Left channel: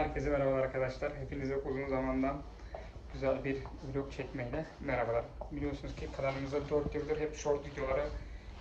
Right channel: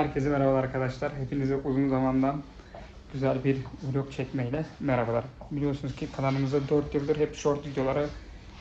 Herkese merhabalar arkadaşlar. Hepinize uzun zamandan güzel bir vlog çekmeyle merhabalar. Biliyorsunuz ki kanalımızda 4 yıldır hep short videoları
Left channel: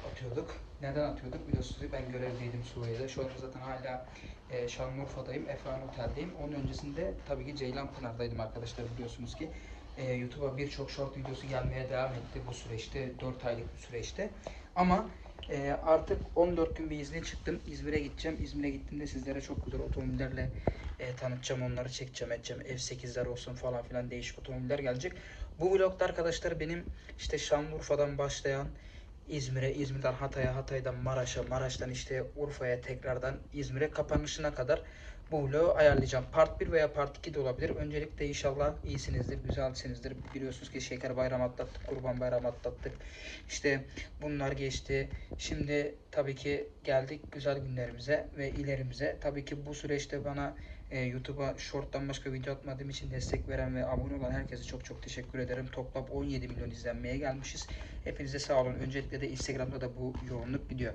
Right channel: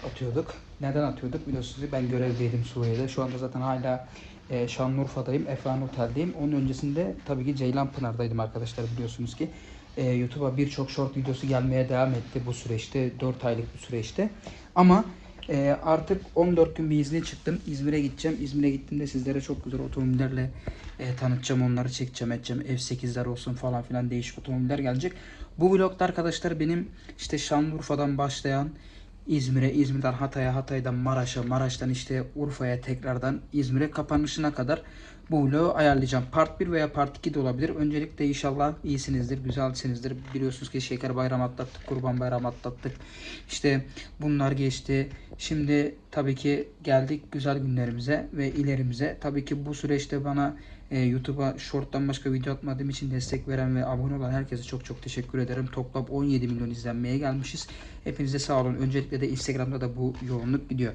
atıyorduk. Neden atıyorduk? Biliyorsunuz ki ben görevdeydim Suriye'de. Şu anda zaten hala e, Şanlıurfa'dayım. Efan Otel'deyim. Onun öncesinde tabii ki Ceylanpınar'daydım arkadaşlar biliyorsunuz ki. E, YouTube'a birçok short videosu gelmeye devam etti bu süreçte. 4 aylık bir süreçte. Ama e, artık 14 gün bir izne çıktım. İzmir'e gideceğim. İzmir'e gittiğimde sizlere çok güzel otomobillerle e, tanıtacağım. Onları çekeceğim, edeceğim. F8'ler olsun falan filan değişik otomobiller gelecek. Bu vlogda arkadaşlar benim işte Şanlıurfa'dan başlayan İzmir'e, İzmir'den Hatay'a, Hatay'dan Maraş'a, Maraş'tan işte Urfa'ya tekrardan İzmir'e kapanışına kadar bu vlogu ayarlayacağım. Part 1 veya Part 2 de olabilir. Öncelikle inşallah iyisinizdir, güzelsinizdir. Biliyorsunuz ki Şeker Bayramı atlattık, Kurban Bayramı atlattık. İşte bunlar geçti. Şimdi tabii ki geldik güzel günlerimize ve ilerimize. Tabii ki bu süreçte bana e, YouTube'a short'tan başka video atmadığım için destek veren ve abone olan herkese çok çok teşekkür ederim. Toplam 17 milyon izlenmeye gelmişiz. Hepinize sağ olun. Öncelikle de Instagram'da da bu yoğunluk gidiyor.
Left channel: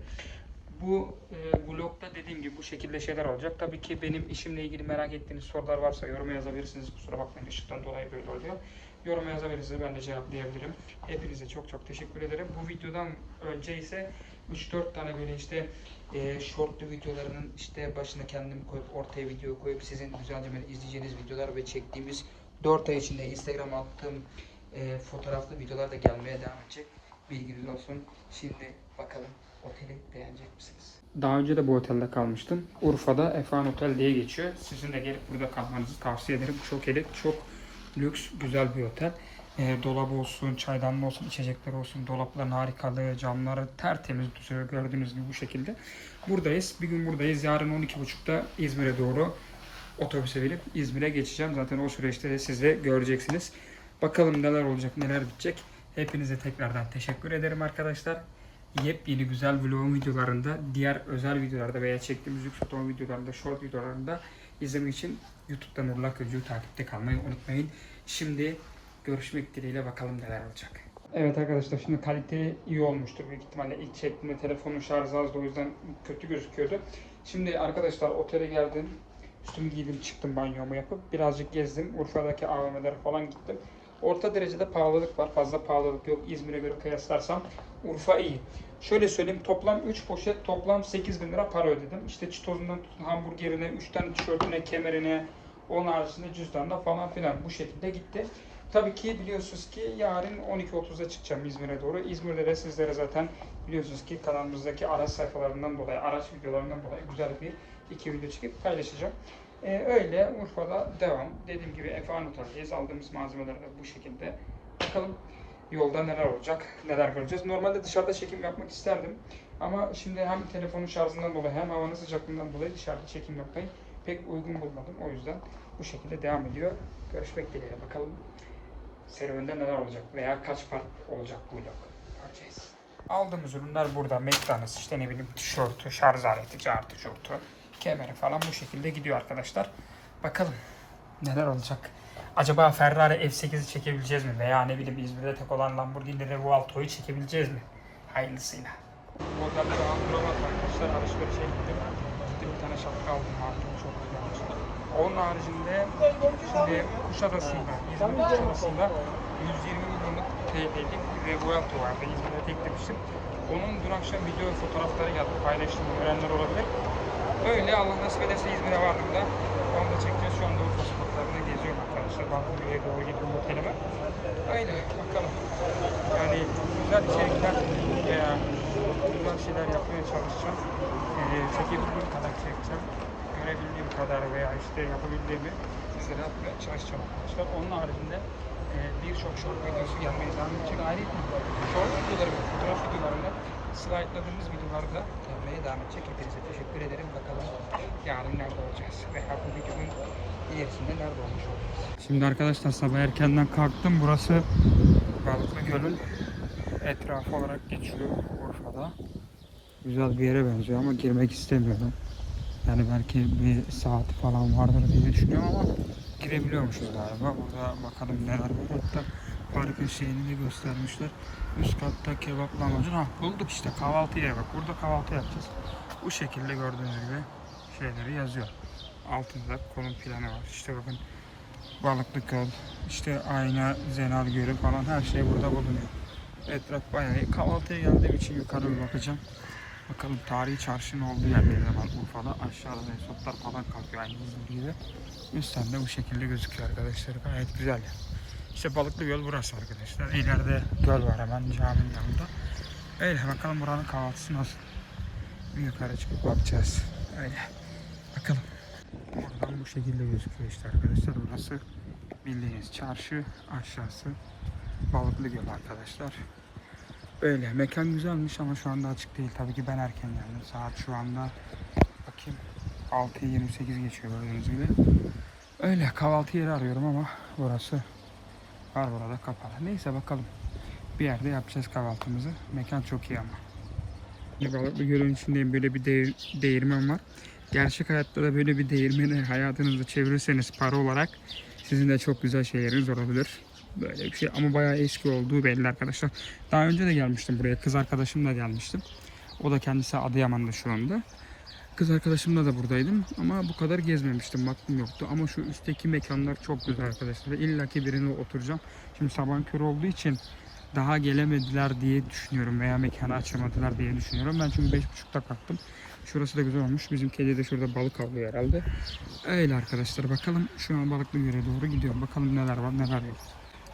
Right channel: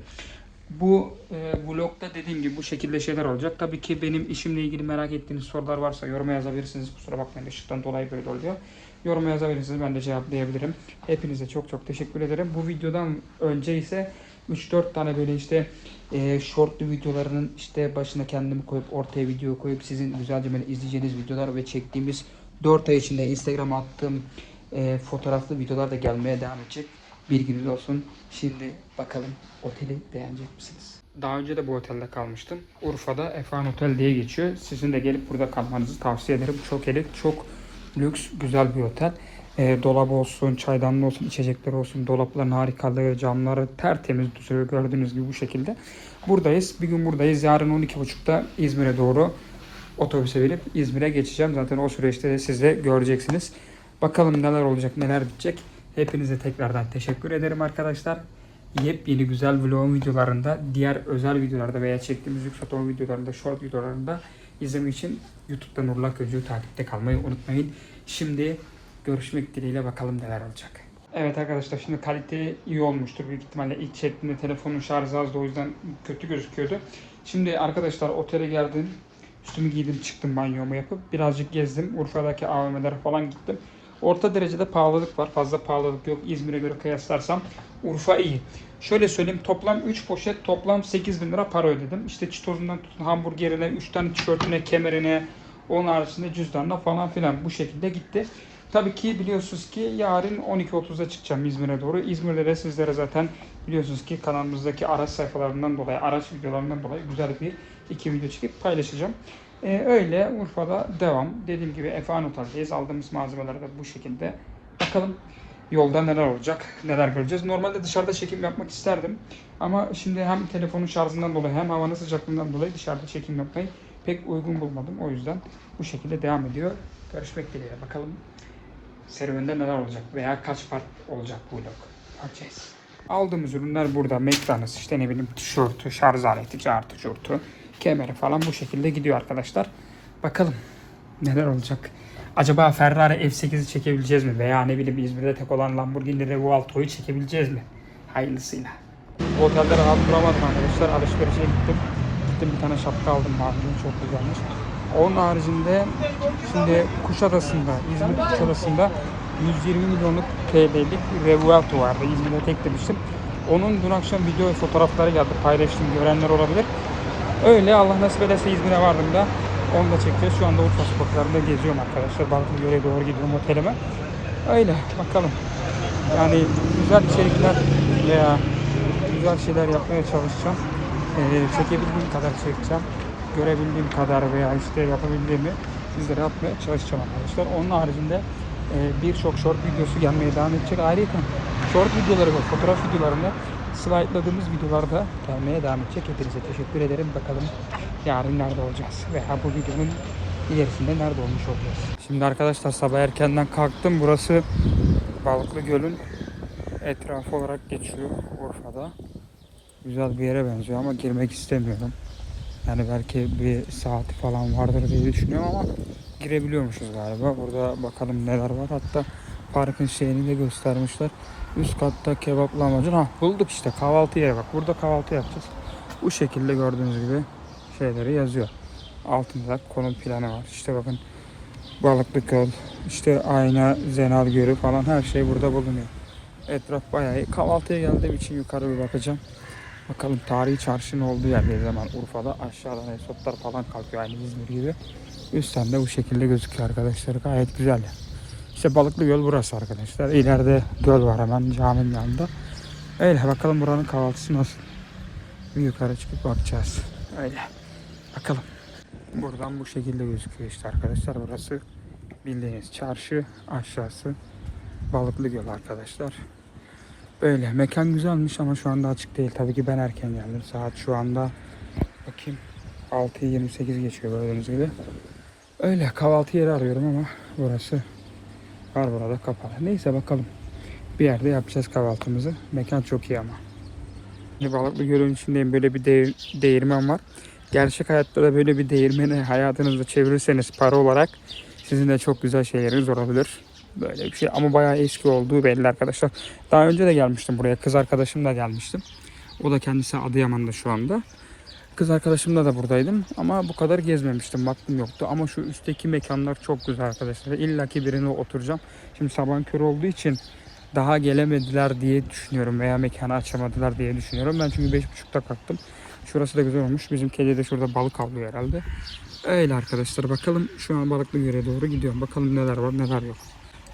Bu e, vlogda dediğim gibi bu şekilde şeyler olacak. Tabii ki benim işimle ilgili merak ettiğiniz sorular varsa yoruma yazabilirsiniz. Kusura bakmayın ışıktan dolayı böyle oluyor. Yoruma yazabilirsiniz. Ben de cevaplayabilirim. Hepinize çok çok teşekkür ederim. Bu videodan önce ise 3-4 tane böyle işte e, shortlu videolarının işte başına kendimi koyup ortaya video koyup sizin güzelce böyle izleyeceğiniz videolar ve çektiğimiz 4 ay içinde Instagram'a attığım e, fotoğraflı videolar da gelmeye devam edecek. Bilginiz olsun. Şimdi bakalım oteli beğenecek misiniz? Daha önce de bu otelde kalmıştım. Urfa'da Efan Otel diye geçiyor. Sizin de gelip burada kalmanızı tavsiye ederim. Çok elit, çok lüks, güzel bir otel. E, dolabı olsun, çaydanlığı olsun, içecekler olsun, dolapların harikalığı, camları tertemiz duruyor gördüğünüz gibi bu şekilde. Buradayız. Bir gün buradayız. Yarın 12.30'da İzmir'e doğru otobüse binip İzmir'e geçeceğim. Zaten o süreçte de siz de göreceksiniz. Bakalım neler olacak, neler bitecek. Hepinize tekrardan teşekkür ederim arkadaşlar. Yepyeni güzel vlog videolarında, diğer özel videolarda veya çektiğimiz lüks otomobil videolarında, short videolarında izlemek için YouTube'da Nurullah Gözcü'yü takipte kalmayı unutmayın. Şimdi görüşmek dileğiyle bakalım neler olacak. Evet arkadaşlar şimdi kalite iyi olmuştur. Büyük ihtimalle ilk çektiğimde telefonun şarjı azdı o yüzden kötü gözüküyordu. Şimdi arkadaşlar otele geldim. Üstümü giydim çıktım banyomu yapıp birazcık gezdim. Urfa'daki AVM'lere falan gittim. Orta derecede pahalılık var. Fazla pahalılık yok. İzmir'e göre kıyaslarsam Urfa iyi. Şöyle söyleyeyim toplam 3 poşet toplam 8 bin lira para ödedim. İşte çitozundan tutun hamburgerine, 3 tane tişörtüne, kemerine, onun haricinde cüzdanına falan filan bu şekilde gitti. Tabii ki biliyorsunuz ki yarın 12.30'da çıkacağım İzmir'e doğru. İzmir'de de sizlere zaten biliyorsunuz ki kanalımızdaki araç sayfalarından dolayı, araç videolarından dolayı güzel bir iki video çekip paylaşacağım. Ee, öyle Urfa'da devam. Dediğim gibi Efan Otel'deyiz. Aldığımız malzemeler de bu şekilde. Bakalım yolda neler olacak, neler göreceğiz. Normalde dışarıda çekim yapmak isterdim. Ama şimdi hem telefonun şarjından dolayı hem havanın sıcaklığından dolayı dışarıda çekim yapmayı pek uygun bulmadım. O yüzden bu şekilde devam ediyor. Görüşmek dileğiyle. Bakalım serüvende neler olacak veya kaç part olacak bu vlog. Bakacağız. Aldığımız ürünler burada. McDonald's işte ne bileyim tişörtü, şarj aleti, cartı, curtu, kemeri falan bu şekilde gidiyor arkadaşlar. Bakalım neler olacak. Acaba Ferrari F8'i çekebileceğiz mi? Veya ne bileyim İzmir'de tek olan Lamborghini Revuelto'yu çekebileceğiz mi? Hayırlısıyla. Otelde rahat duramadım arkadaşlar. Alışverişe gittim. Gittim bir tane şapka aldım. Mardin çok güzelmiş. Onun haricinde şimdi Kuşadası'nda, İzmir Kuşadası'nda 120 milyonluk TL'lik Revuelto vardı. İzmir'de tek demiştim. Onun dün akşam video fotoğrafları geldi. Paylaştım. Görenler olabilir. Öyle Allah nasip ederse İzmir'e vardığımda onu da çekeceğiz. Şu anda Urfa sokaklarında geziyorum arkadaşlar. Balıklıgöl'e doğru gidiyorum otelime. Öyle bakalım. Yani güzel içerikler veya güzel şeyler yapmaya çalışacağım. Ee, çekebildiğim kadar çekeceğim. Görebildiğim kadar veya işte yapabildiğimi sizlere yapmaya çalışacağım arkadaşlar. Onun haricinde e, birçok short videosu gelmeye devam edecek. Ayrıca short videoları ve fotoğraf videolarında slide'ladığımız videolarda gelmeye devam edecek. Hepinize teşekkür ederim. Bakalım yarın nerede olacağız veya bu videonun ilerisinde nerede olmuş olacağız. Şimdi arkadaşlar sabah erkenden kalktım. Burası Balıklı Göl'ün etrafı olarak geçiyor Urfa'da. Güzel bir yere benziyor ama girmek istemiyorum. Yani belki bir saati falan vardır diye düşünüyorum ama girebiliyormuşuz galiba. Burada bakalım neler var. Hatta parkın şeyini de göstermişler. Üst katta kebap lahmacun. Ha bulduk işte kahvaltı yeri bak. Burada kahvaltı yapacağız. Bu şekilde gördüğünüz gibi şeyleri yazıyor. Altında da konum planı var. İşte bakın Balıklı Göl, işte Ayna, Zenal Gölü falan her şey burada bulunuyor. Etraf bayağı iyi. Kahvaltıya geldiğim için yukarı bir bakacağım. Bakalım tarihi çarşının olduğu yer bir zaman Urfa'da. Aşağıdan esotlar falan kalkıyor aynı İzmir gibi. Üstten de bu şekilde gözüküyor arkadaşlar. Gayet güzel. İşte Balıklı Göl burası arkadaşlar. İleride göl var hemen caminin yanında. Öyle bakalım buranın kahvaltısı nasıl. Bir yukarı çıkıp bakacağız. Öyle. Bakalım. Buradan bu şekilde gözüküyor işte arkadaşlar. Burası bildiğiniz çarşı. Aşağısı Balıklı Göl arkadaşlar. Böyle. Mekan güzelmiş ama şu anda açık değil. Tabii ki ben erken geldim. Saat şu anda bakayım 6'yı 28 geçiyor gördüğünüz gibi. Öyle kahvaltı yeri arıyorum ama burası var burada kapalı. Neyse bakalım. Bir yerde yapacağız kahvaltımızı. Mekan çok iyi ama. Balıklı Göl'ün içindeyim. Böyle bir de- değirmen var. Gerçek hayatta da böyle bir değirmeni hayatınızda çevirirseniz para olarak sizin de çok güzel şeyleriniz olabilir. Böyle bir şey ama bayağı eski olduğu belli arkadaşlar. Daha önce de gelmiştim buraya. Kız arkadaşımla gelmiştim. O da kendisi Adıyaman'da şu anda. Kız arkadaşımla da buradaydım ama bu kadar gezmemiştim. Baktım yoktu ama şu üstteki mekanlar çok güzel arkadaşlar. İlla ki birine oturacağım. Şimdi sabah kör olduğu için daha gelemediler diye düşünüyorum veya mekanı açamadılar diye düşünüyorum. Ben çünkü 5.30'da kalktım. Şurası da güzel olmuş. Bizim kedi de şurada balık avlıyor herhalde. Öyle arkadaşlar. Bakalım şu an Balıklı Göl'e doğru gidiyorum. Bakalım neler var neler yok.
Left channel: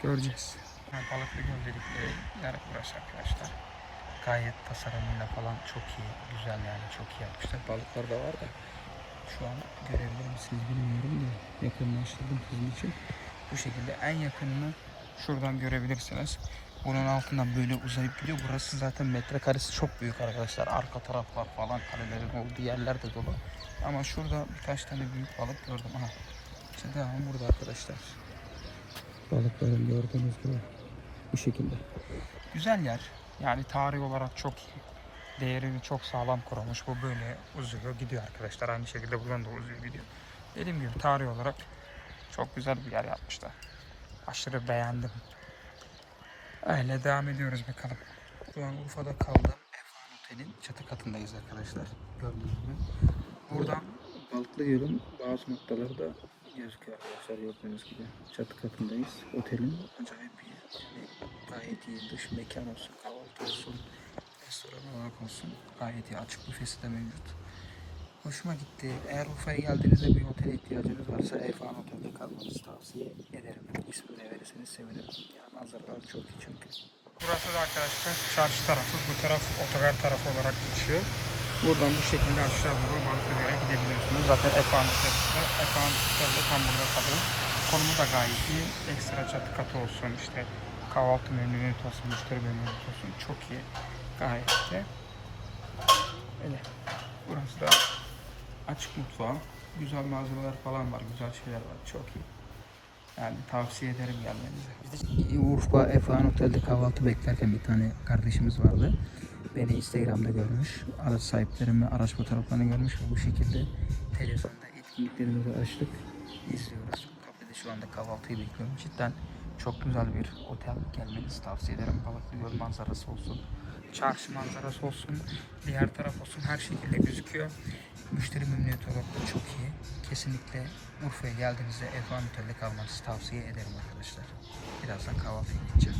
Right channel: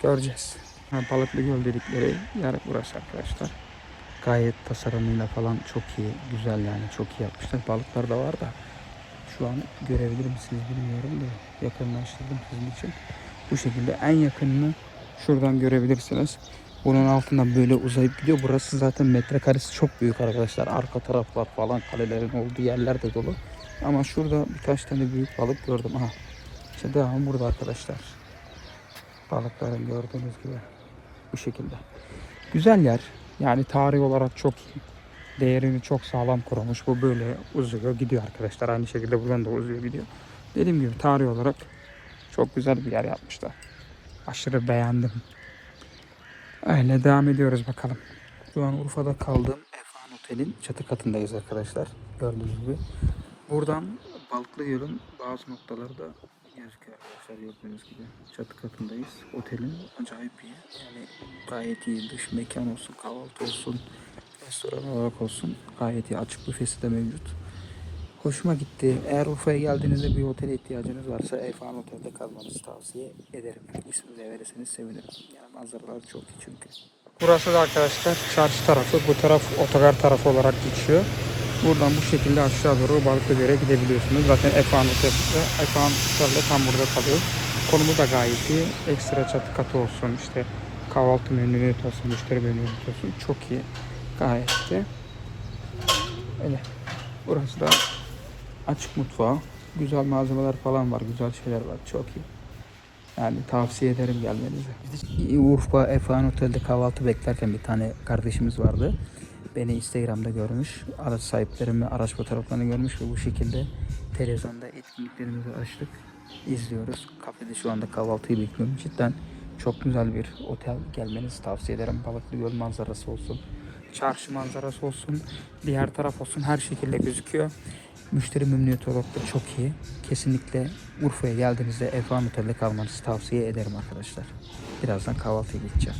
Göreceğiz. Ha, Balıklı Göl dedikleri yer burası arkadaşlar. Gayet tasarımıyla falan çok iyi. Güzel yani çok iyi yapmışlar. Balıklar da var da şu an görebilir misiniz bilmiyorum da yakınlaştırdım sizin için. Bu şekilde en yakınını şuradan görebilirsiniz. Bunun altından böyle uzayıp gidiyor. Burası zaten metrekaresi çok büyük arkadaşlar. Arka taraflar falan kalelerin olduğu yerler de dolu. Ama şurada birkaç tane büyük balık gördüm. Aha. İşte devam burada arkadaşlar. Balıkların gördüğünüz gibi bu şekilde. Güzel yer. Yani tarih olarak çok iyi. Değerini çok sağlam kurmuş. Bu böyle uzuyor gidiyor arkadaşlar. Aynı şekilde buradan da uzuyor gidiyor. Dediğim gibi tarih olarak çok güzel bir yer yapmışlar. Aşırı beğendim. Öyle devam ediyoruz bakalım. Şu an Urfa'da kaldığım Efan Otel'in çatı katındayız arkadaşlar. Gördüğünüz gibi. Buradan Balıklı Göl'ün bazı noktaları da gözüküyor arkadaşlar gördüğünüz gibi. Çatı katındayız. Otelin acayip iyi. Yani gayet iyi. Dış mekan olsun, kahvaltı olsun, restoran olarak olsun. Gayet iyi. Açık büfesi de mevcut. Hoşuma gitti. Eğer Urfa'ya geldiğinizde bir otele ihtiyacınız varsa Efan Otel'de kalmanızı tavsiye ederim. İsmini de verirseniz sevinirim. Yani manzaralar çok iyi çünkü. Burası da arkadaşlar çarşı tarafı. Bu taraf otogar tarafı olarak geçiyor. Buradan bu şekilde aşağı doğru Balıklıgöl'e gidebiliyorsunuz. Zaten Efan ve Efan Otel tam burada kalıyor. Konumu da gayet iyi. Ekstra çatı katı olsun. işte kahvaltı menüleri olsun, müşteri menüleri olsun. Çok iyi. Gayet de. Öyle. Burası da açık mutfağı. Güzel malzemeler falan var. Güzel şeyler var. Çok iyi. Yani tavsiye ederim gelmenizi. Urfa Efan Otel'de kahvaltı beklerken bir tane kardeşimiz vardı. Beni Instagram'da görmüş. Araç sahiplerimi, araç fotoğraflarını görmüş ve bu şekilde televizyonda etkinliklerimizi açtık. izliyoruz. Kafede şu anda kahvaltıyı bekliyorum. Cidden çok güzel bir otel gelmenizi tavsiye ederim. Balıklı Göl manzarası olsun. Çarşı manzarası olsun. Diğer taraf olsun. Her şekilde gözüküyor. Müşteri memnuniyeti olarak da çok iyi. Kesinlikle Urfa'ya geldiğinizde Efan Otel'de kalmanızı tavsiye ederim arkadaşlar. Birazdan kahvaltıya gideceğim.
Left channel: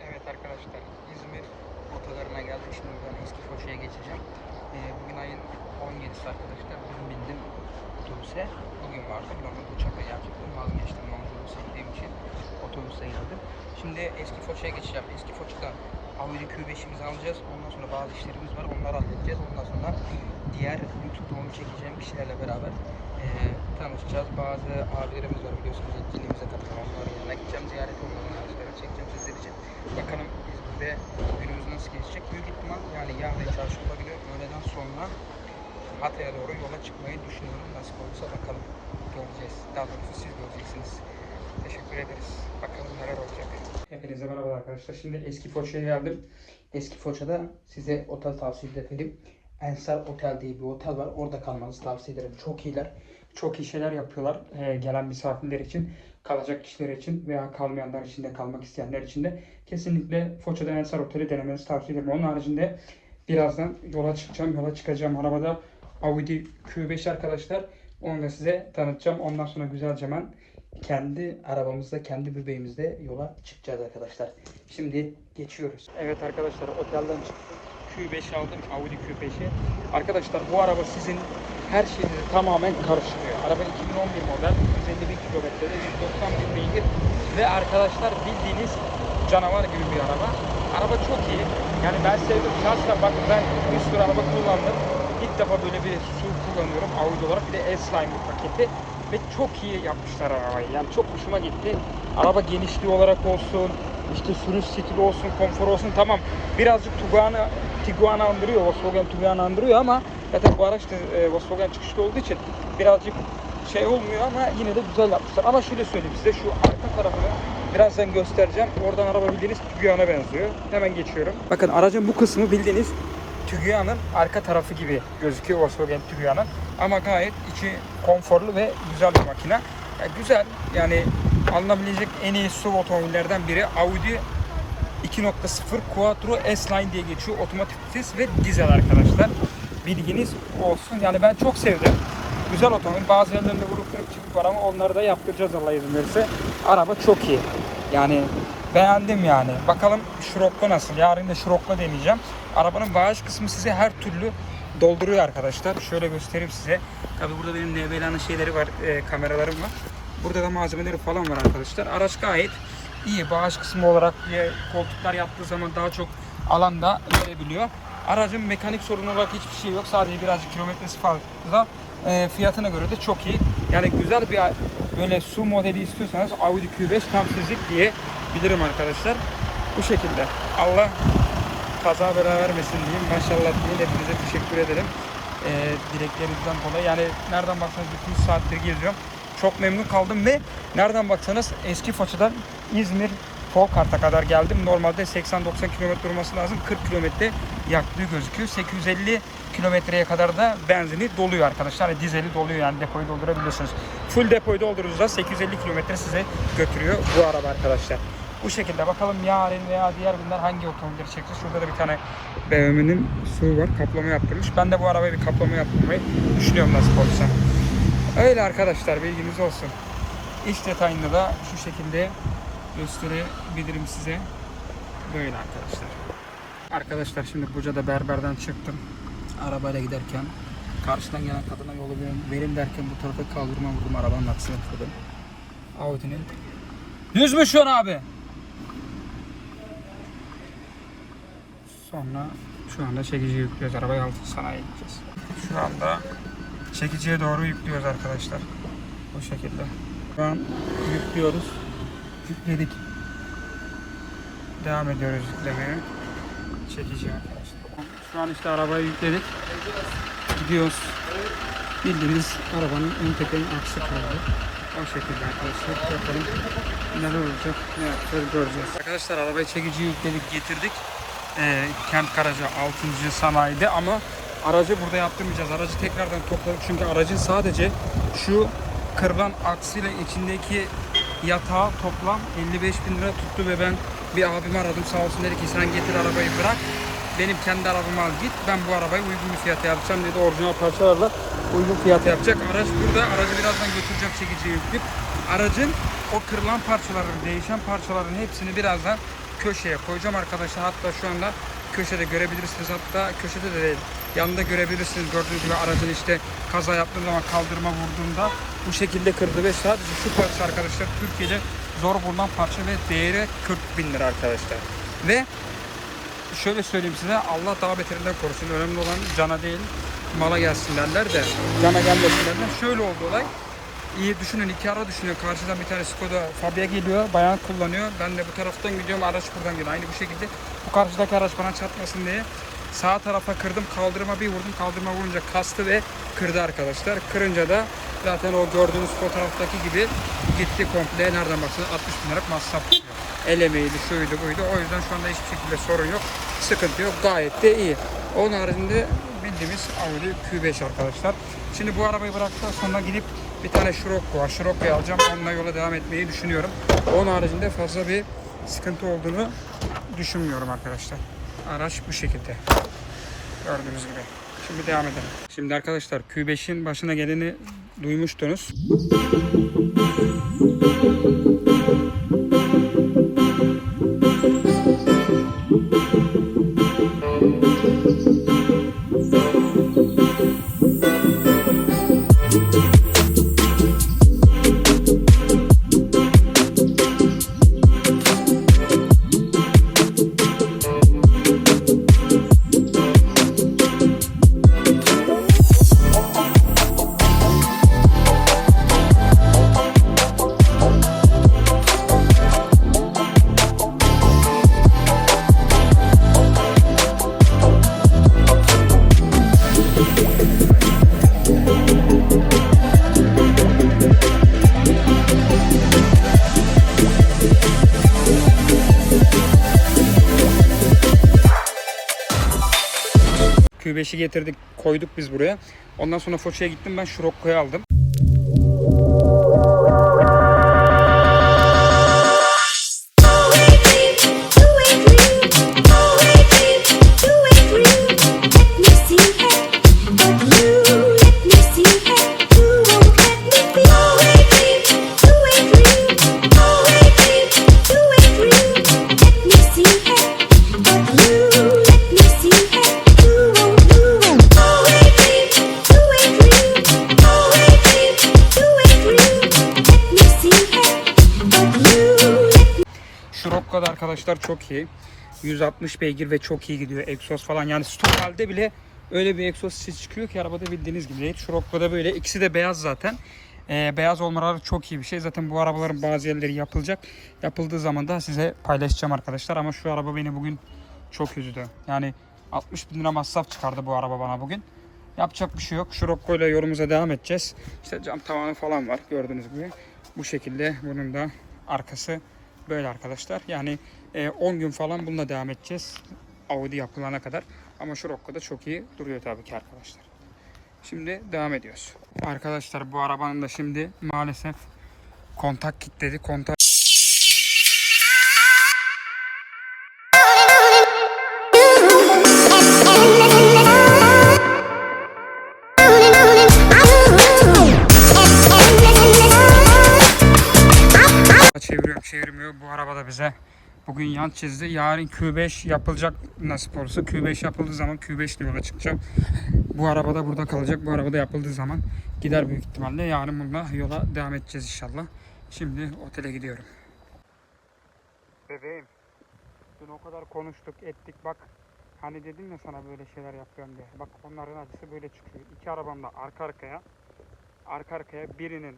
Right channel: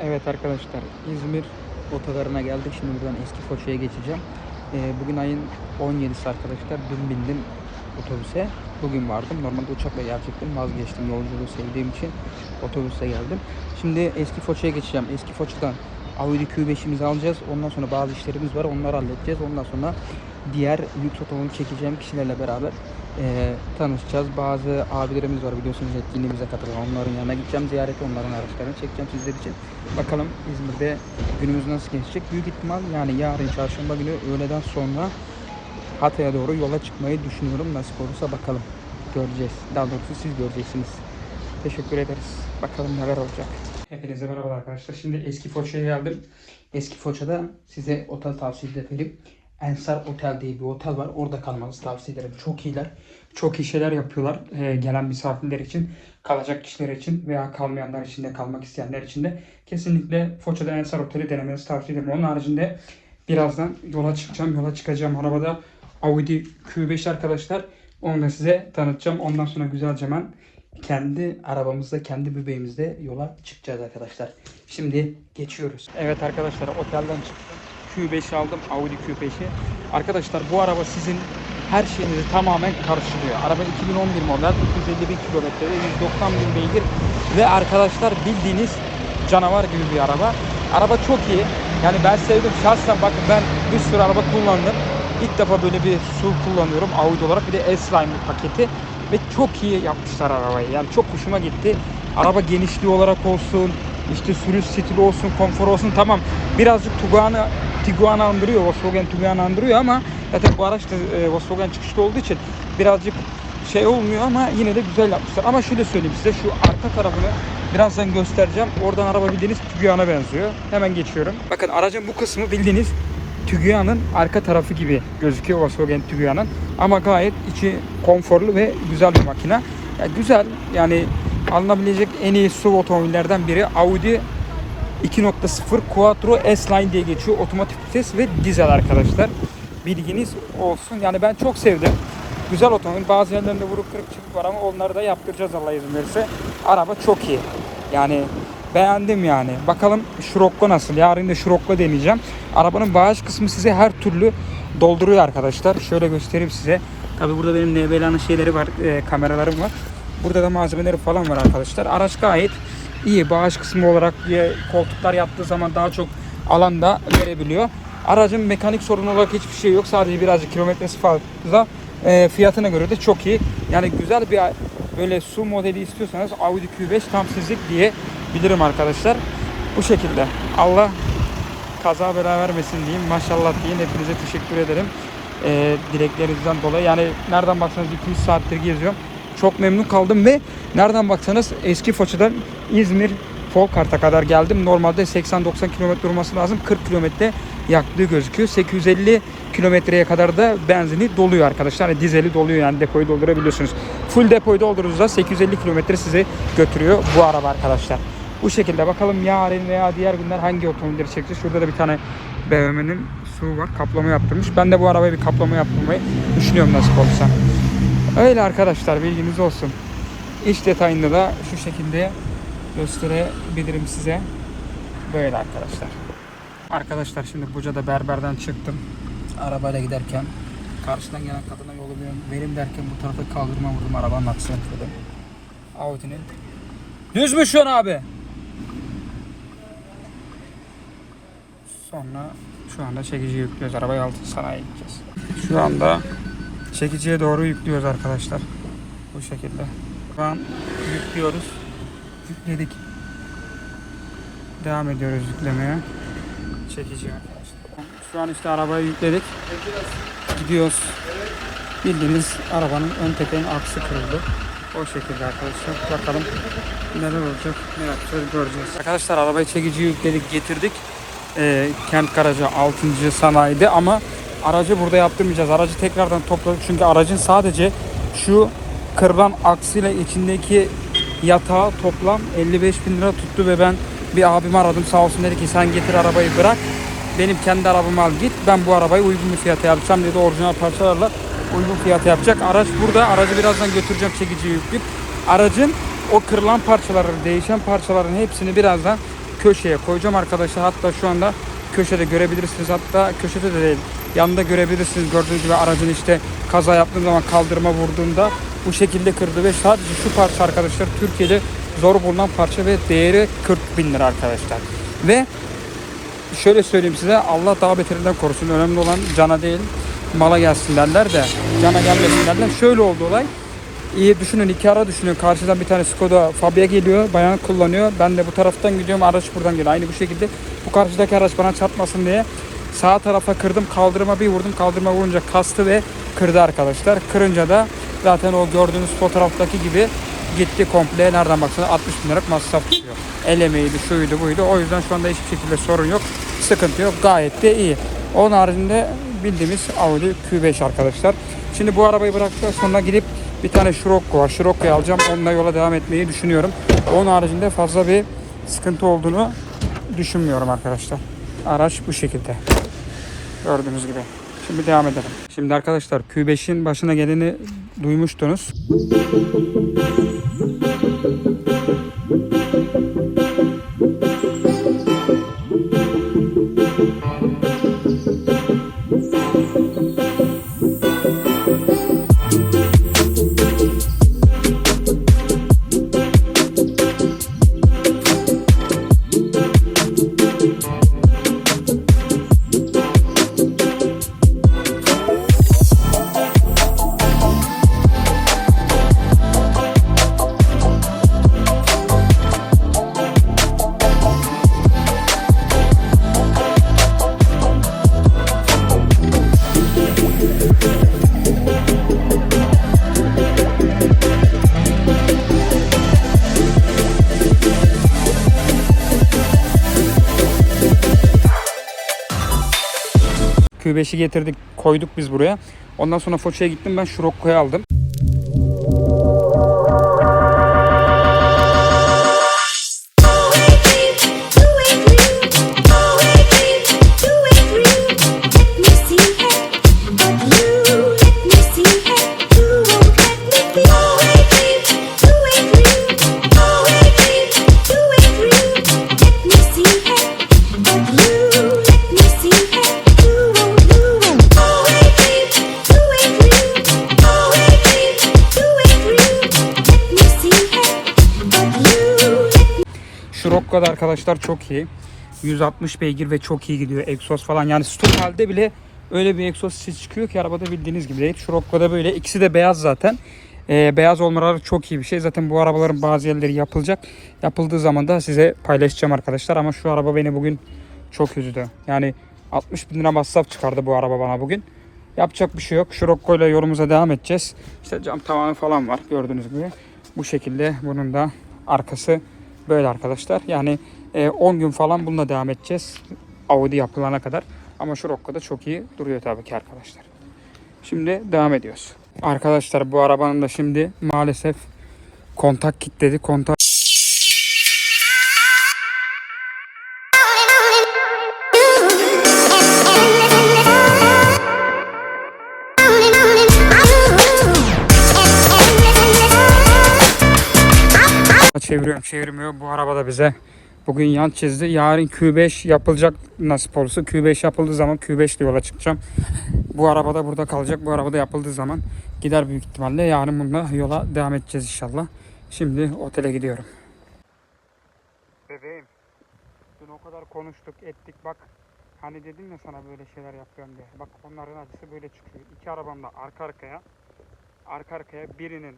Evet arkadaşlar İzmir otogarına geldik. Şimdi buradan eski Foça'ya geçeceğim. Ee, bugün ayın 17'si arkadaşlar. Dün bindim otobüse. Bugün vardım. Normalde uçakla gelecektim. Vazgeçtim yolculuğu sevdiğim için. Otobüse geldim. Şimdi eski Foça'ya geçeceğim. Eski Foça'dan Audi Q5'imizi alacağız. Ondan sonra bazı işlerimiz var. Onları halledeceğiz. Ondan sonra diğer lüks otomobil çekeceğim kişilerle beraber eee, tanışacağız. Bazı abilerimiz var biliyorsunuz etkinliğimize katılan. Onların yanına gideceğim. Ziyarete onların araçlarını çekeceğim sizler için. Bakalım İzmir'de günümüz nasıl geçecek? Büyük ihtimal yani yarın çarşamba günü öğleden sonra Hatay'a doğru yola çıkmayı düşünüyorum. Nasip olursa bakalım. Göreceğiz. Daha doğrusu siz göreceksiniz. Teşekkür ederiz. Bakalım neler olacak. Hepinize merhaba arkadaşlar. Şimdi eski Foça'ya geldim. Eski Foça'da size otel tavsiye ederim. Ensar Otel diye bir otel var. Orada kalmanızı tavsiye ederim. Çok iyiler. Çok iyi şeyler yapıyorlar. Ee, gelen misafirler için, kalacak kişiler için veya kalmayanlar için de kalmak isteyenler için de kesinlikle Foça'da Ensar Otel'i denemenizi tavsiye ederim. Onun haricinde birazdan yola çıkacağım. Yola çıkacağım arabada Audi Q5 arkadaşlar. Onu da size tanıtacağım. Ondan sonra güzelce hemen kendi arabamızda, kendi bebeğimizde yola çıkacağız arkadaşlar. Şimdi geçiyoruz. Evet arkadaşlar otelden çıktım. Q5 aldım. Audi Q5'i. Arkadaşlar bu araba sizin her şeyinizi tamamen karşılıyor. Araba 2011 model. 251 kilometrede 190 bin beygir. Ve arkadaşlar bildiğiniz canavar gibi bir araba. Araba çok iyi. Yani ben sevdim. Şahsen bakın ben bir sürü araba kullandım. İlk defa böyle bir su kullanıyorum Audi olarak. Bir de S-Line paketi. Ve çok iyi yapmışlar arabayı. Yani çok hoşuma gitti. Araba genişliği olarak olsun, işte sürüş stili olsun, konfor olsun tamam. Birazcık Tiguan'ı Tiguan'ı andırıyor, Volkswagen Tiguan'ı andırıyor ama zaten bu araç da e, Volkswagen çıkışlı olduğu için birazcık şey olmuyor ama yine de güzel yapmışlar. Ama şöyle söyleyeyim size şu arka tarafını birazdan göstereceğim. Oradan araba bildiğiniz Tiguan'a benziyor. Hemen geçiyorum. Bakın aracın bu kısmı bildiğiniz Tiguan'ın arka tarafı gibi gözüküyor Volkswagen Tiguan'ın. Ama gayet içi konforlu ve güzel bir makine. Yani güzel yani alınabilecek en iyi SUV otomobillerden biri Audi 2.0 Quattro S-Line diye geçiyor. Otomatik vites ve dizel arkadaşlar. Bilginiz olsun. Yani ben çok sevdim. Güzel otomobil. Bazı yerlerinde vurup kırık çıkık var ama onları da yaptıracağız Allah izin verirse. Araba çok iyi. Yani beğendim yani. Bakalım Scirocco nasıl? Yarın da Scirocco deneyeceğim. Arabanın bağış kısmı size her türlü dolduruyor arkadaşlar. Şöyle göstereyim size. Tabi burada benim NBL'nin şeyleri var, e, kameralarım var. Burada da malzemeleri falan var arkadaşlar. Araç gayet iyi. Bağış kısmı olarak diye koltuklar yaptığı zaman daha çok alanda verebiliyor. Aracın mekanik sorunu olarak hiçbir şey yok. Sadece birazcık kilometresi fazla. E, fiyatına göre de çok iyi. Yani güzel bir böyle su modeli istiyorsanız Audi Q5 tam sizlik diye bilirim arkadaşlar. Bu şekilde. Allah kaza bela vermesin diyeyim. Maşallah diyeyim. Hepinize teşekkür ederim. E, dileklerinizden dolayı. Yani nereden baksanız 200 saattir geziyorum. Çok memnun kaldım ve nereden baksanız eski Foça'dan İzmir Folkart'a kadar geldim. Normalde 80-90 kilometre olması lazım. 40 kilometre yaktığı gözüküyor. 850 kilometreye kadar da benzini doluyor arkadaşlar. Yani dizeli doluyor yani depoyu doldurabiliyorsunuz. Full depoyu doldurduğunuzda 850 kilometre sizi götürüyor bu araba arkadaşlar. Bu şekilde bakalım yarın veya diğer günler hangi otomobilleri çekeceğiz. Şurada da bir tane BMW'nin su var. Kaplama yaptırmış. Ben de bu arabaya bir kaplama yaptırmayı düşünüyorum nasip olursa. Öyle arkadaşlar bilginiz olsun. İç detayında da şu şekilde gösterebilirim size. Böyle arkadaşlar. Arkadaşlar şimdi Buca'da berberden çıktım. Arabayla giderken karşıdan gelen kadına yolu benim, benim derken bu tarafa kaldırma vurdum arabanın aksine atladı. Audi'nin. Düz mü şu an abi? Sonra şu anda çekici yüklüyoruz. Arabayı altı sanayiye gideceğiz. Şu anda çekiciye doğru yüklüyoruz arkadaşlar. Bu şekilde. Şu an yüklüyoruz. Yükledik. Devam ediyoruz yüklemeye. Çekici arkadaşlar. Şu an işte arabayı yükledik. Gidiyoruz. Bildiğiniz arabanın ön tekerin aksı kırıldı. O şekilde arkadaşlar. Bakalım neler olacak, ne yapacağız göreceğiz. Arkadaşlar arabayı çekici yükledik, getirdik. Ee, kent garajı 6. sanayide ama aracı burada yaptırmayacağız. Aracı tekrardan topladık. Çünkü aracın sadece şu kırılan aksıyla içindeki yatağı toplam 55 bin lira tuttu ve ben bir abimi aradım. Sağ olsun dedi ki sen getir arabayı bırak. Benim kendi arabamı al git. Ben bu arabayı uygun bir fiyata yapacağım. dedi. Orijinal parçalarla uygun fiyata yapacak. Araç burada. Aracı birazdan götüreceğim çekici yüklük. Aracın o kırılan parçaları değişen parçaların hepsini birazdan köşeye koyacağım arkadaşlar. Hatta şu anda köşede görebilirsiniz. Hatta köşede de değil yanında görebilirsiniz gördüğünüz gibi aracın işte kaza yaptığım zaman kaldırıma vurduğunda bu şekilde kırdı ve sadece şu parça arkadaşlar Türkiye'de zor bulunan parça ve değeri 40 bin lira arkadaşlar ve şöyle söyleyeyim size Allah daha beterinden korusun önemli olan cana değil mala gelsin derler de derler şöyle oldu olay İyi düşünün iki ara düşünün. Karşıdan bir tane Skoda Fabia geliyor. Bayan kullanıyor. Ben de bu taraftan gidiyorum. Araç buradan geliyor. Aynı bu şekilde bu karşıdaki araç bana çarpmasın diye sağ tarafa kırdım. Kaldırıma bir vurdum. Kaldırıma vurunca kastı ve kırdı arkadaşlar. Kırınca da zaten o gördüğünüz fotoğraftaki gibi gitti komple. Nereden baksanız 60 bin liralık masraf tutuyor. El emeğiydi, şuydu, buydu. O yüzden şu anda hiçbir şekilde sorun yok. Sıkıntı yok. Gayet de iyi. Onun haricinde bildiğimiz Audi Q5 arkadaşlar. Şimdi bu arabayı bıraktıktan sonra gidip bir tane Scirocco var. Scirocco'yu alacağım. Onunla yola devam etmeyi düşünüyorum. Onun haricinde fazla bir sıkıntı olduğunu düşünmüyorum arkadaşlar. Araç bu şekilde. Gördüğünüz gibi. Şimdi devam edelim. Şimdi arkadaşlar Q5'in başına geleni duymuştunuz. Q5'i getirdik koyduk biz buraya. Ondan sonra Foça'ya gittim ben Şurokko'yu aldım. Arkadaşlar çok iyi. 160 beygir ve çok iyi gidiyor. Egzoz falan yani stok bile öyle bir egzoz ses çıkıyor ki arabada bildiğiniz gibi değil. Şurokko'da böyle ikisi de beyaz zaten. Ee, beyaz olmaları çok iyi bir şey. Zaten bu arabaların bazı yerleri yapılacak. Yapıldığı zaman da size paylaşacağım arkadaşlar. Ama şu araba beni bugün çok üzdü. Yani 60 bin lira masraf çıkardı bu araba bana bugün. Yapacak bir şey yok. Şurokko ile yolumuza devam edeceğiz. İşte cam tavanı falan var gördüğünüz gibi. Bu şekilde bunun da arkası böyle arkadaşlar. Yani e, 10 gün falan bununla devam edeceğiz. Audi yapılana kadar. Ama şu Rocco'da çok iyi duruyor tabii ki arkadaşlar. Şimdi devam ediyoruz. Arkadaşlar bu arabanın da şimdi maalesef kontak kilitledi. Kontak çeviriyorum çevirmiyor. Bu araba da bize bugün yan çizdi. Yarın Q5 yapılacak nasip olursa. Q5 yapıldığı zaman Q5 ile yola çıkacağım. Bu araba da burada kalacak. Bu araba da yapıldığı zaman gider büyük ihtimalle. Yarın bununla yola devam edeceğiz inşallah. Şimdi otele gidiyorum. Bebeğim. Dün o kadar konuştuk ettik bak. Hani dedim ya sana böyle şeyler yapıyorum diye. Bak onların acısı böyle çıkıyor. İki arabam da arka arkaya. Arka arkaya birinin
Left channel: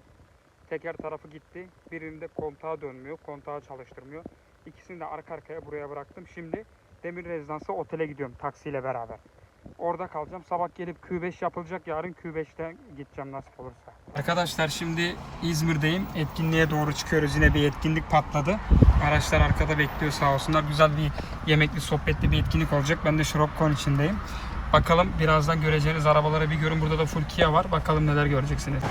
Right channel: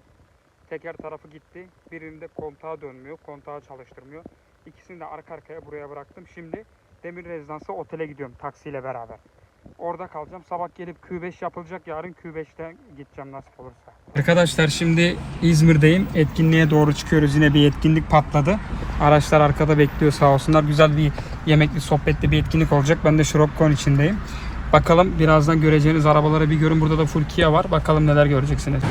teker tarafı gitti. Birinde kontağı dönmüyor. Kontağı çalıştırmıyor. İkisini de arka arkaya buraya bıraktım. Şimdi Demir Rezidans'a otele gidiyorum taksiyle beraber. Orada kalacağım. Sabah gelip Q5 yapılacak. Yarın Q5'te gideceğim nasip olursa. Arkadaşlar şimdi İzmir'deyim. Etkinliğe doğru çıkıyoruz. Yine bir etkinlik patladı. Araçlar arkada bekliyor sağ olsunlar. Güzel bir yemekli, sohbetli bir etkinlik olacak. Ben de Şurokkon içindeyim. Bakalım birazdan göreceğiniz arabaları bir görün. Burada da full var. Bakalım neler göreceksiniz.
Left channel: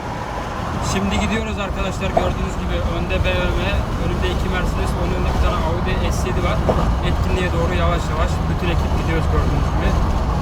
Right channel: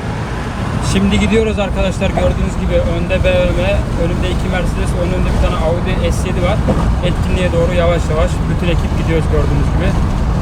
Şimdi gidiyoruz arkadaşlar gördüğünüz gibi önde BMW, önümde iki Mercedes, önünde bir tane Audi S7 var. Etkinliğe doğru yavaş yavaş bütün ekip gidiyoruz gördüğünüz gibi.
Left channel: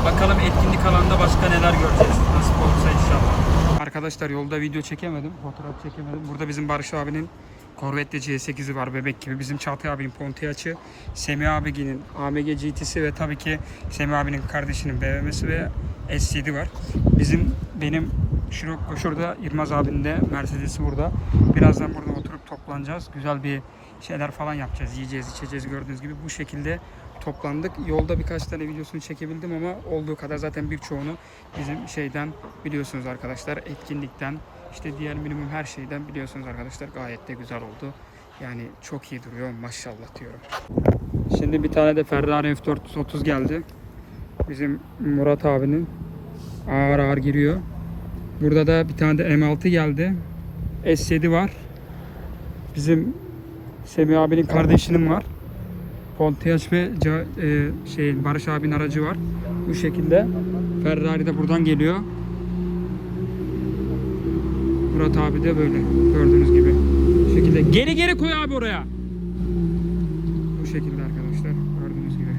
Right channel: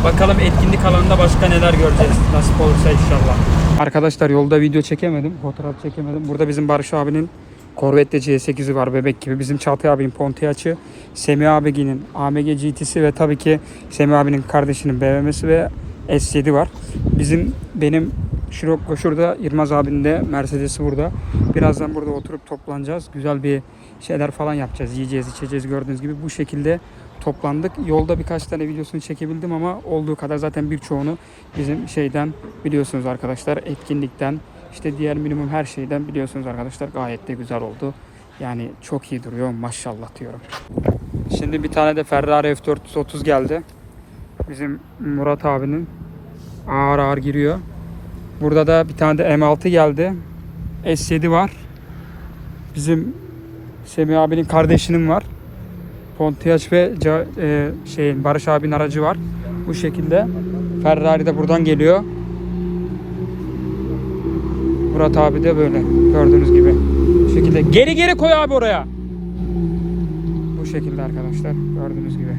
Bakalım etkinlik alanında başka neler göreceğiz. Nasip olursa inşallah. Arkadaşlar yolda video çekemedim, fotoğraf çekemedim. Burada bizim Barış abinin Corvette C8'i var bebek gibi. Bizim Çağatay abinin Pontiac'ı, Semih abinin AMG GT'si ve tabii ki Semih abinin kardeşinin BMW'si ve S7 var. Bizim benim Şirokko şurada, Yılmaz abinin de Mercedes'i burada. Birazdan burada oturup toplanacağız. Güzel bir şeyler falan yapacağız. Yiyeceğiz, içeceğiz gördüğünüz gibi. Bu şekilde toplandık. Yolda birkaç tane videosunu çekebildim ama olduğu kadar zaten birçoğunu bizim şeyden biliyorsunuz arkadaşlar. Etkinlikten, işte diğer minimum her şeyden biliyorsunuz arkadaşlar. Gayet de güzel oldu. Yani çok iyi duruyor maşallah diyorum. Şimdi bir tane de Ferrari F430 geldi. Bizim Murat abinin ağır ağır giriyor. Burada da bir tane de M6 geldi. S7 var. Bizim Semih abinin kardeşinin var. Pontiac ve e, şeyin Barış abinin aracı var. Bu şekilde. Ferrari de buradan geliyor. Murat abi de böyle gördüğünüz gibi. Bu şekilde. Geri geri koy abi oraya. Bu şekilde arkadaşlar gördüğünüz gibi.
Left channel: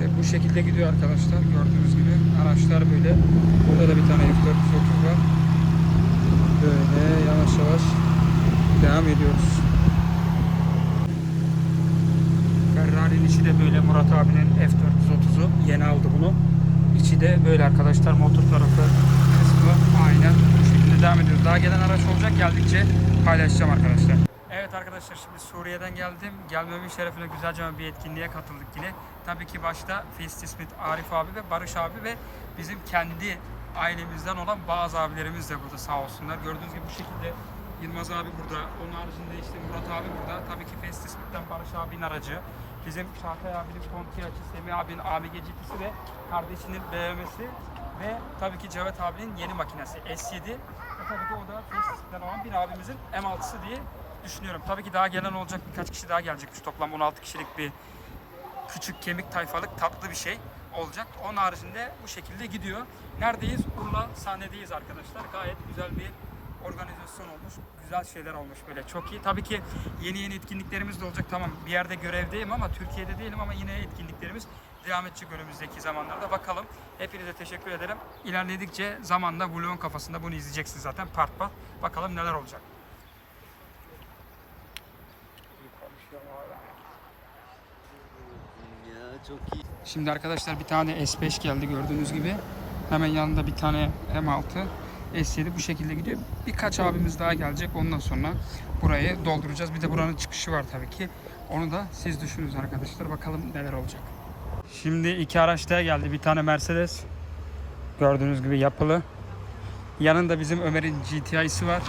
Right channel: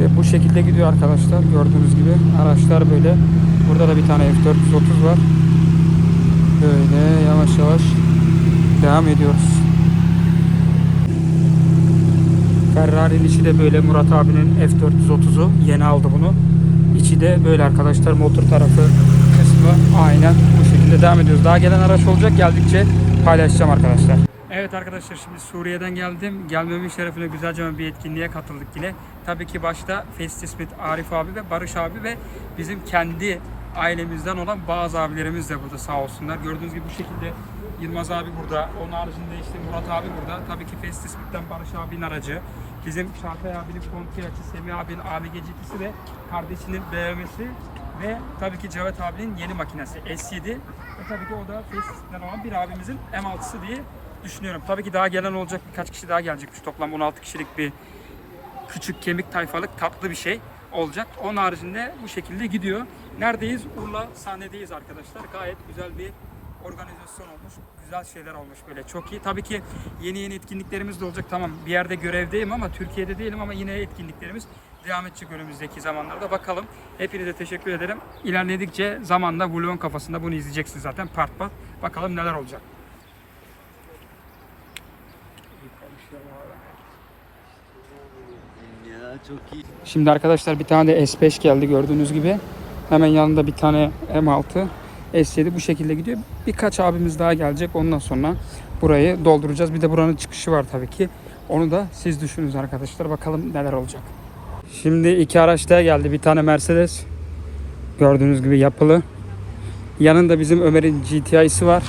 İşte bu şekilde gidiyor arkadaşlar. Gördüğünüz gibi araçlar böyle. Burada da bir tane F430 var. Böyle yavaş yavaş devam ediyoruz. Ferrari'nin içi de böyle Murat abinin F430'u. Yeni aldı bunu. İçi de böyle arkadaşlar motor tarafı kısmı aynen bu şekilde devam ediyoruz. Daha gelen araç olacak geldikçe paylaşacağım arkadaşlar. Evet arkadaşlar şimdi Suriye'den geldim. Gelmemin şerefine güzelce bir etkinliğe katıldık yine. Tabii ki başta Festi Smith, Arif abi ve Barış abi ve bizim kendi ailemizden olan bazı abilerimiz de burada sağ olsunlar. Gördüğünüz gibi bu şekilde Yılmaz abi burada. Onun haricinde işte Murat abi burada. Tabii ki Festi Smith'ten Barış abinin aracı. Bizim Çağatay abinin Pontiac'ı, Semih abinin AMG GT'si ve kardeşinin BMW'si ve tabii ki Cevat abinin yeni makinesi S7 ve tabii ki o da Facebook'tan olan bir abimizin M6'sı diye düşünüyorum. Tabii ki daha gelen olacak birkaç kişi daha gelecekmiş. Toplam 16 kişilik bir küçük kemik tayfalık tatlı bir şey olacak. Onun haricinde bu şekilde gidiyor. Neredeyiz? Urla sahnedeyiz arkadaşlar. Gayet güzel bir organizasyon olmuş. Güzel şeyler olmuş böyle. Çok iyi. Tabii ki yeni yeni etkinliklerimiz de olacak. Tamam bir yerde görevdeyim ama Türkiye'de değilim ama yine etkinliklerimiz devam edecek önümüzdeki zamanlarda. Bakalım. Hepinize teşekkür ederim. İlerledikçe zamanla vlogun kafasında bunu izleyeceksiniz zaten part part. Bakalım neler olacak. Ya çok iyi. Şimdi arkadaşlar bir tane de S5 geldi gördüğünüz gibi. Hemen yanında bir tane M6 S7 bu şekilde gidiyor. Birkaç abimiz daha gelecek. Ondan sonra burayı dolduracağız. Bir de buranın çıkışı var tabii ki. Onu da siz düşünün arkadaşlar. Bakalım neler olacak. Şimdi iki araç daha geldi. Bir tane Mercedes. Gördüğünüz gibi yapılı. Yanında bizim Ömer'in GTI'si var.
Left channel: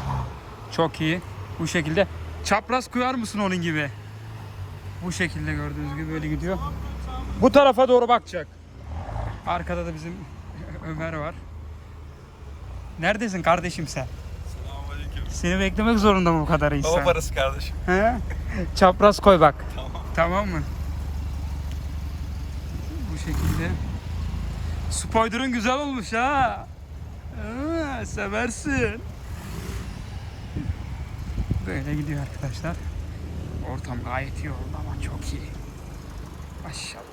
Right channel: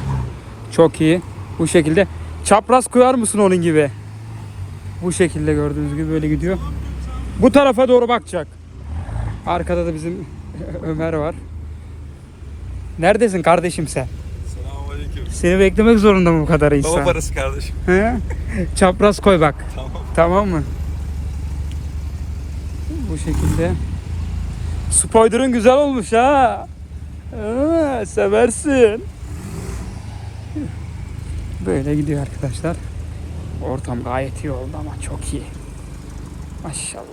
Çok iyi. Bu şekilde. Çapraz koyar mısın onun gibi? Bu şekilde gördüğünüz gibi böyle gidiyor. Bu tarafa doğru bakacak. Arkada da bizim Ömer var. Neredesin kardeşim sen? Selamünaleyküm. Seni beklemek zorunda mı bu kadar Baba insan? parası kardeşim. He? Çapraz koy bak. Tamam. Tamam mı? Bu şekilde. Spoiler'ın güzel olmuş ha. Aa, seversin. Böyle gidiyor arkadaşlar. Ortam gayet iyi oldu ama çok iyi. Maşallah.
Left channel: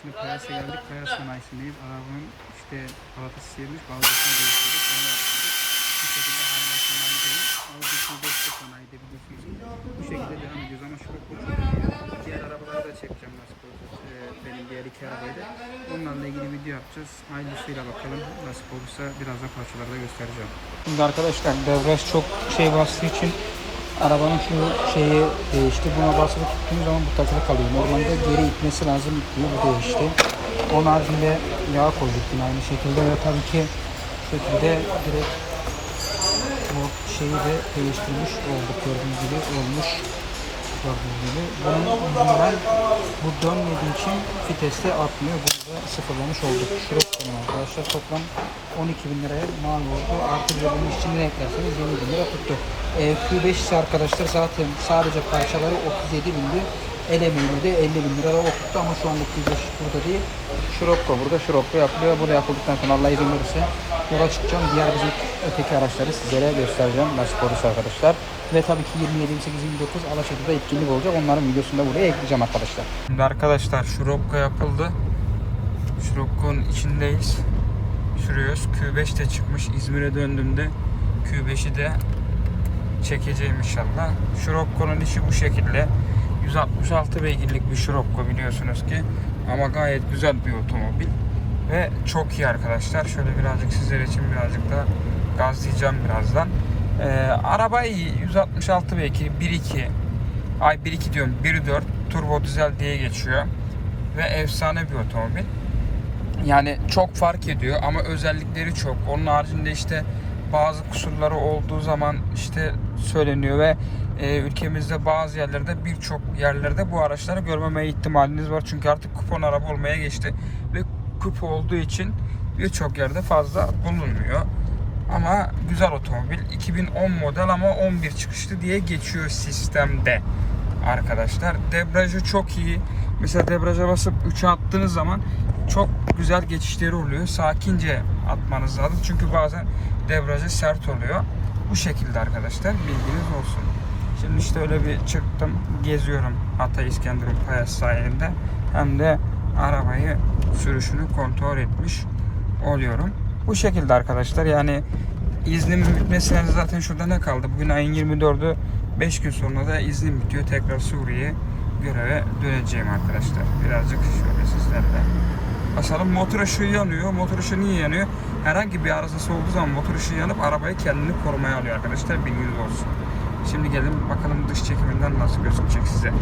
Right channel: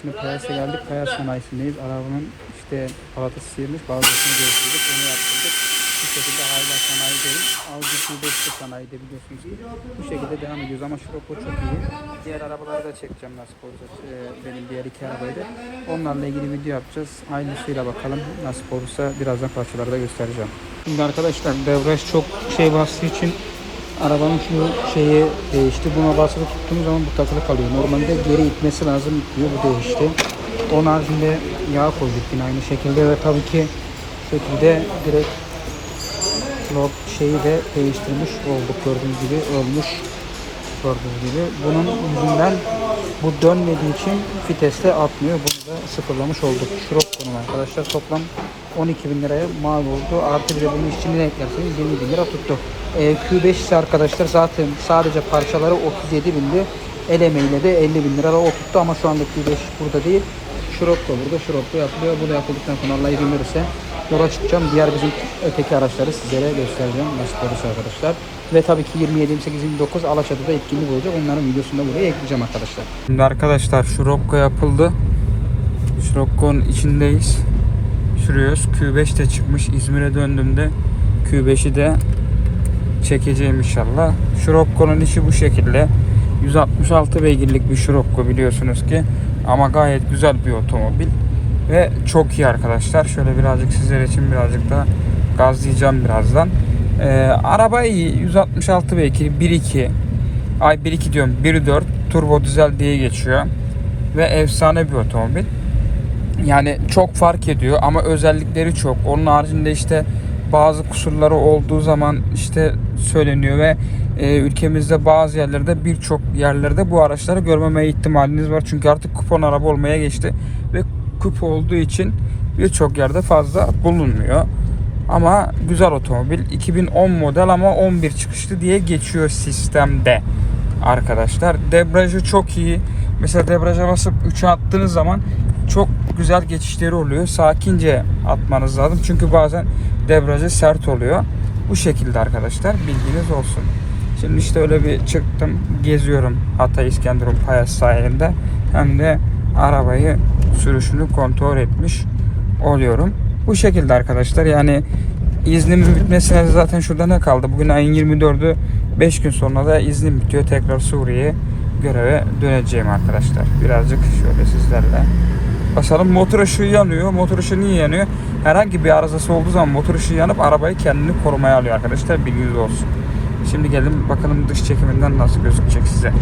Şimdi Payas'a geldik. Payas sanayisindeyiz. Arabanın işte palatası sıyırmış. Bazılarını değiştirdik. Onu yaptırdık. Bu şekilde hala sanayideyim. Audi Q5 de sanayide biliyorsunuz ki. Bu şekilde devam ediyoruz ama şu çok iyi. Diğer arabaları da çekeceğim nasip olacak. Ee, benim diğer iki arabayı da. Onlarla ilgili video yapacağız. Aynısıyla bakalım. Nasip olursa birazdan parçaları da göstereceğim. Şimdi arkadaşlar devraj çok şey bastığı için arabanın şu şeyi değişti. Buna basılı tuttuğumuz zaman bu takılı kalıyor. Normalde geri itmesi lazım itmiyor. Bu değişti. Onun haricinde yağ koyduk yine aynı şekilde ve tabii ki şekilde direkt log şeyi de değiştirmiş olduk gördüğünüz gibi olmuş gördüğünüz gibi bunun yüzünden bu dönmediği için viteste atmıyor bunu da sıfırlamış olduk. Şurop konum arkadaşlar. Toplam 12 bin liraya mal oldu. Artı bir de bunun işçiliğine eklerseniz 20 bin lira tuttu. Ee, Q5 ise arkadaşlar zaten sadece parçaları 37 bindi. El emeğiyle de 50 bin lira o tuttu ama şu anda Q5 burada değil. Şuropko burada. Şuropko yapılıyor. Bu da yapıldıktan sonra Allah izin verirse yola çıkacağım. Diğer bizim öteki araçları sizlere göstereceğim. Nasip olursa arkadaşlar. Ve tabii ki 27, 28, 29 Alaçatı'da etkinlik olacak. Onların videosunu da buraya ekleyeceğim arkadaşlar. Şimdi arkadaşlar şuropko yapıldı. Şuropko'nun içindeyiz. Sürüyoruz. Q5 de çıkmış. İzmir'e döndüğümde Q5'i de çekeceğim inşallah. Şuropko'nun içi bu şekilde. 166 beygirlik bir Scirocco biliyorsunuz ki. Ama gayet güzel bir otomobil. Ve çok iyi arkadaşlar. Şöyle birazcık sizler için birazcık da gazlayacağım birazdan. Ee, araba iyi. 166 beygir. 1.2 ay 1.2 diyorum. 1.4 turbo dizel diye geçiyor. Ve efsane bir otomobil. Yani çok fark ediyor ama özellikleri çok. Onun haricinde işte bazı kusurları olduğu zaman işte söyleniyor ve e, ülkemizde bazı yerlerde birçok yerlerde bu araçları görmeme ihtimaliniz var. Çünkü artık kupon araba olmaya geçti ve kup olduğu için birçok yerde fazla bulunmuyor. Ama güzel otomobil. 2010 model ama 11 çıkışlı diye geçiyor sistemde arkadaşlar. Debriyajı çok iyi. Mesela debriyaja basıp 3'e attığınız zaman çok güzel geçişleri oluyor. Sakince atmanız lazım. Çünkü bazen debriyajı sert oluyor. Bu şekilde arkadaşlar bilginiz olsun. Şimdi işte öyle bir çıktım geziyorum Hatay İskenderun Payas sahilinde. Hem de arabayı sürüşünü kontrol etmiş oluyorum. Bu şekilde arkadaşlar yani iznimin bitmesine zaten şurada ne kaldı? Bugün ayın 24'ü 5 gün sonra da iznim bitiyor. Tekrar Suriye'ye göreve döneceğim arkadaşlar. Birazcık şöyle sizlerle basalım. Motor ışığı yanıyor. Motor ışığı niye yanıyor? Herhangi bir arızası olduğu zaman motor ışığı yanıp arabayı kendini korumaya alıyor arkadaşlar. Bilginiz olsun. Şimdi gelin bakalım dış çekiminden nasıl gözükecek size.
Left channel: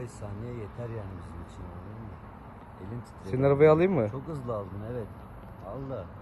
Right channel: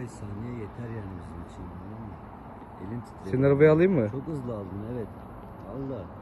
15 saniye yeter yani bizim için. anladın mı? Elim titriyor. Senin arabayı alayım mı? Çok hızlı aldın evet. Allah.